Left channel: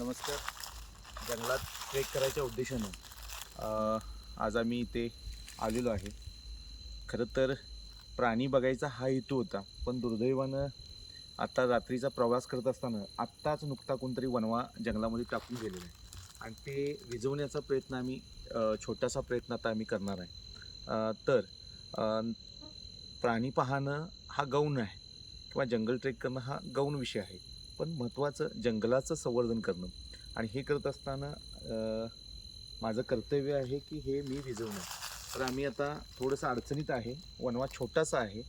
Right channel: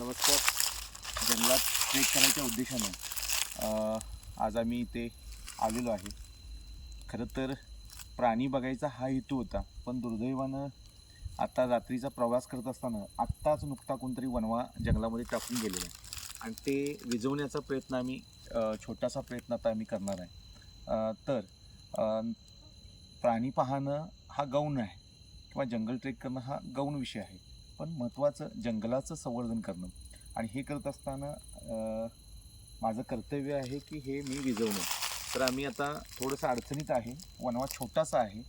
नमस्कार. जंगलात ट्रेक करायच्या उद्देशाने आज आम्ही इथे आलेलो आहे. खरं तर प्राणी बघायचा हा हेतू होता पण दुर्दैवानं आत्ता रात्रीचा प्रवास करत असताना आत्ताच नुकता कोणतरी वनवा जंगलामध्ये टाकून गेलेला आहे. आणि ते विझवण्याचा प्रयत्न आम्ही छोटासा प्रयत्न आता आम्ही करणार आहे. तर प्राणी पाहणं हा गौण आहे किंवा जंगल ट्रेक करणं हा गौण विषय आहे. पण महत्त्वाचं जंगलाचं संवर्धन करणं. आणि हे करत असताना माझं कर्तव्य आहे की हे मी विजवणं. तर आम्ही आता थोडंसं अडचणीत आहे वनवा छोटासा आहे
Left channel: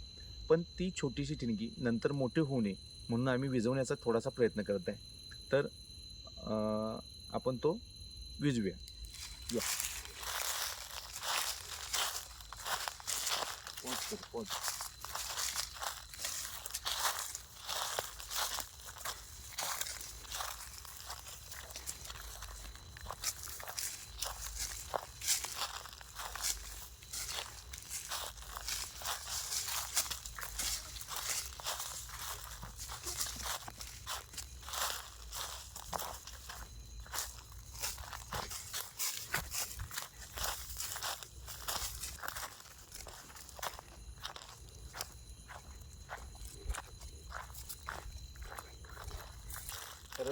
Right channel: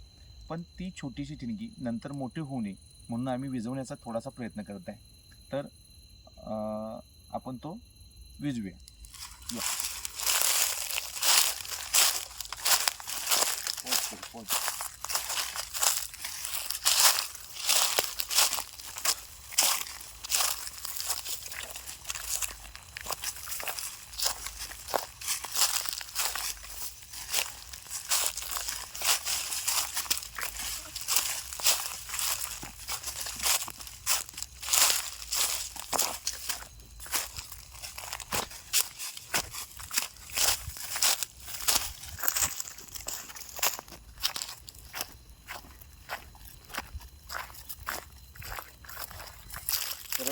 पण ती छोटीशी ठिणगी नंतर मोठी होऊ नये म्हणून आम्ही विजवण्याचा थोडासा प्रयत्न करत आहे. तर आपण तो विजवूया. या.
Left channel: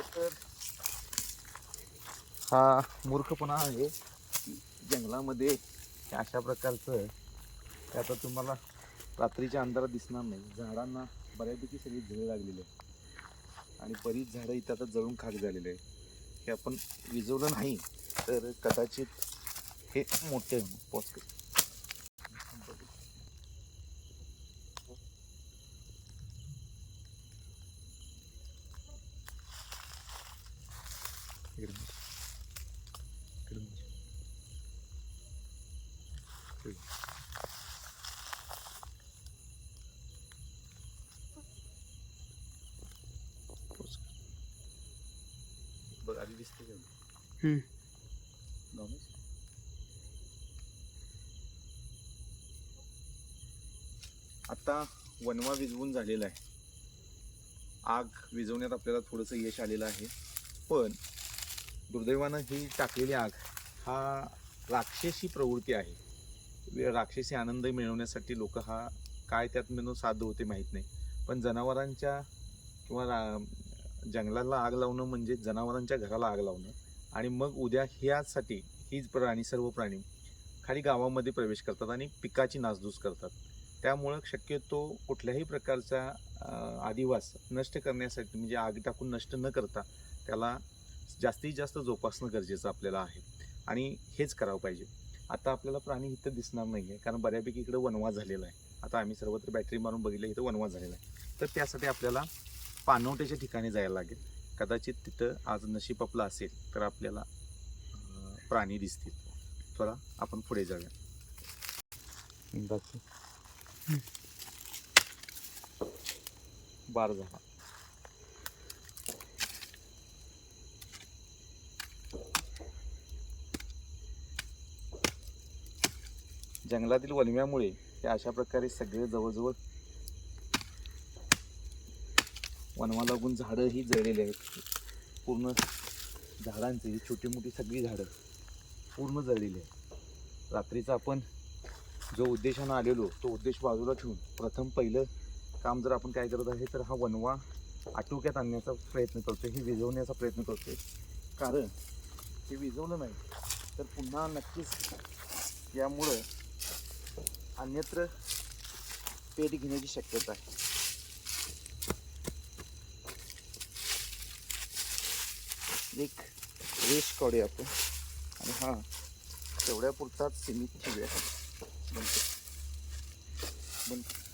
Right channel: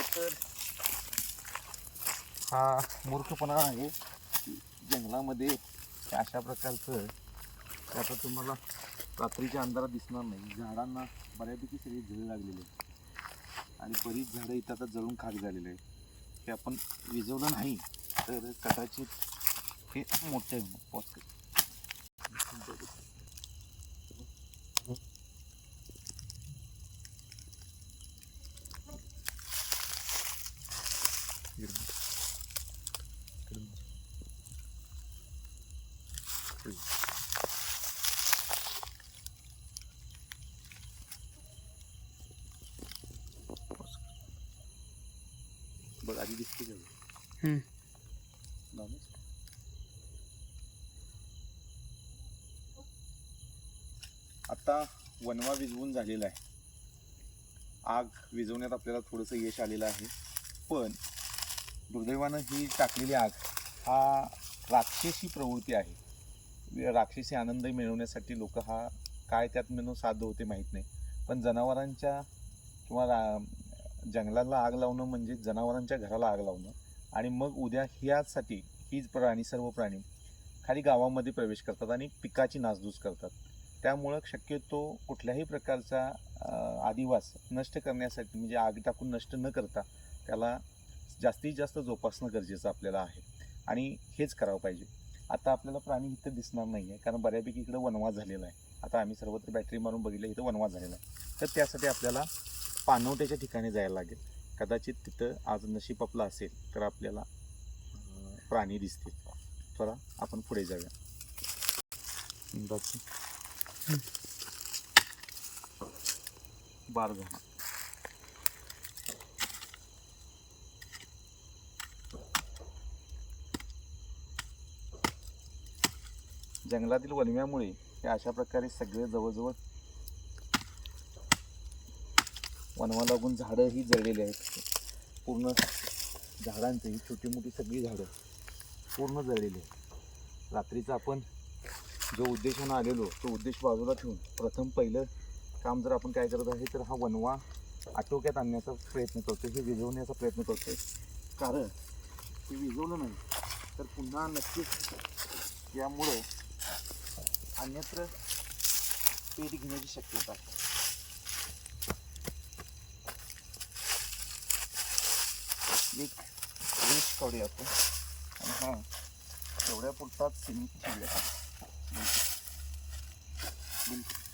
तर हा मूर्खपणा आहे की जंगलामध्ये अशा प्रकारचं त्याचा आता तुम्हाला रात्रीच्या अंधारात दिसणार नाही. झाडांना बऱ्यापैकी सगळी झळ लागलेली आहे. आणि बरीच झाडं इथं आता जळून खाक झालेले आहे हे आपण विजवलं नाही तर कदाचित हे मोठे होणार आधी दिसते हम्म. आता वनवा विझवून झालेला आहे. आग विझवण्यात आपल्याला थोडंसं यश आलेलं आहे. पण दुर्दैवानं ही टाकलेली आग हा राक्षसी प्रवृत्ती आहे. वे- राक्षसी आनंद मिळवण्यासाठी लोक हा काय त्यात मिळून साध्य होते माहीत नाही. पण जनावरांच्या किंवा रा- जंगलाला आग लावणं म्हणजे जनावरांच्या घराला आग लावणं. आणि मग उद्या ह्यासाठी हीच प्राणी सर्व प्राणी खाली गावामध्ये प्रवेश करतात आणि पिकाची नासधूस करतात. त्यामुळं शक्यतो कुठल्याही प्रकारचा आदिवास नष्ट करण्यासाठी म्हणजे आग टाकून नष्ट न करता त्याला जास्तीत जास्त जोपासणं गरजेचं आपल्याला आहे. आणि हेच करावं पाहिजे. आता आपल्याला प्राणी इथं दिसणार नाही आहे कारण बऱ्यापैकी इकडं वनवास झालेला आहे. आता आम्ही सर्वत्र बॅटरी मारून बघितलं इथं वनवास झालेला आहे. तर त्यासाठी आपल्याला पाणवट्याच्या ठिकाणी जायला लागेल. कदाचित तिथं आज नशीब आपलं असेल तर आपल्याला प्राणी दिसतील. चला आपण पुढे जाऊया. बार झाला. जंगलातील वनव्यामुळे हे अशा प्रकारे सगळे जवळजवळ वनवा लागून झाडं ही जळलेली आहेत. पूर्ण झाडांची ही छोटी मोठी सगळी झाडं पूर्ण जळलेली आहेत. रात्रीचा आपण जो उद्देशानं आलेलो तो उद्देश बाजूला ठेवून प्रथम पहिलं काम जर आपण काय करत आहे तर हा वनवा आटोक्यात आणण्याचा प्रयत्न करतो हे विझवण्याचा प्रयत्न करतोय. कारण ते विजवलं नाही तर पुन्हा नक्कीच यामुळं अन्यत्र पेट घेण्याची शक्यता आहे. एक रेस काढूया आपण. आणि हा तेवढ्या पुरताच सीमित ठेवूया. बनतो बनतो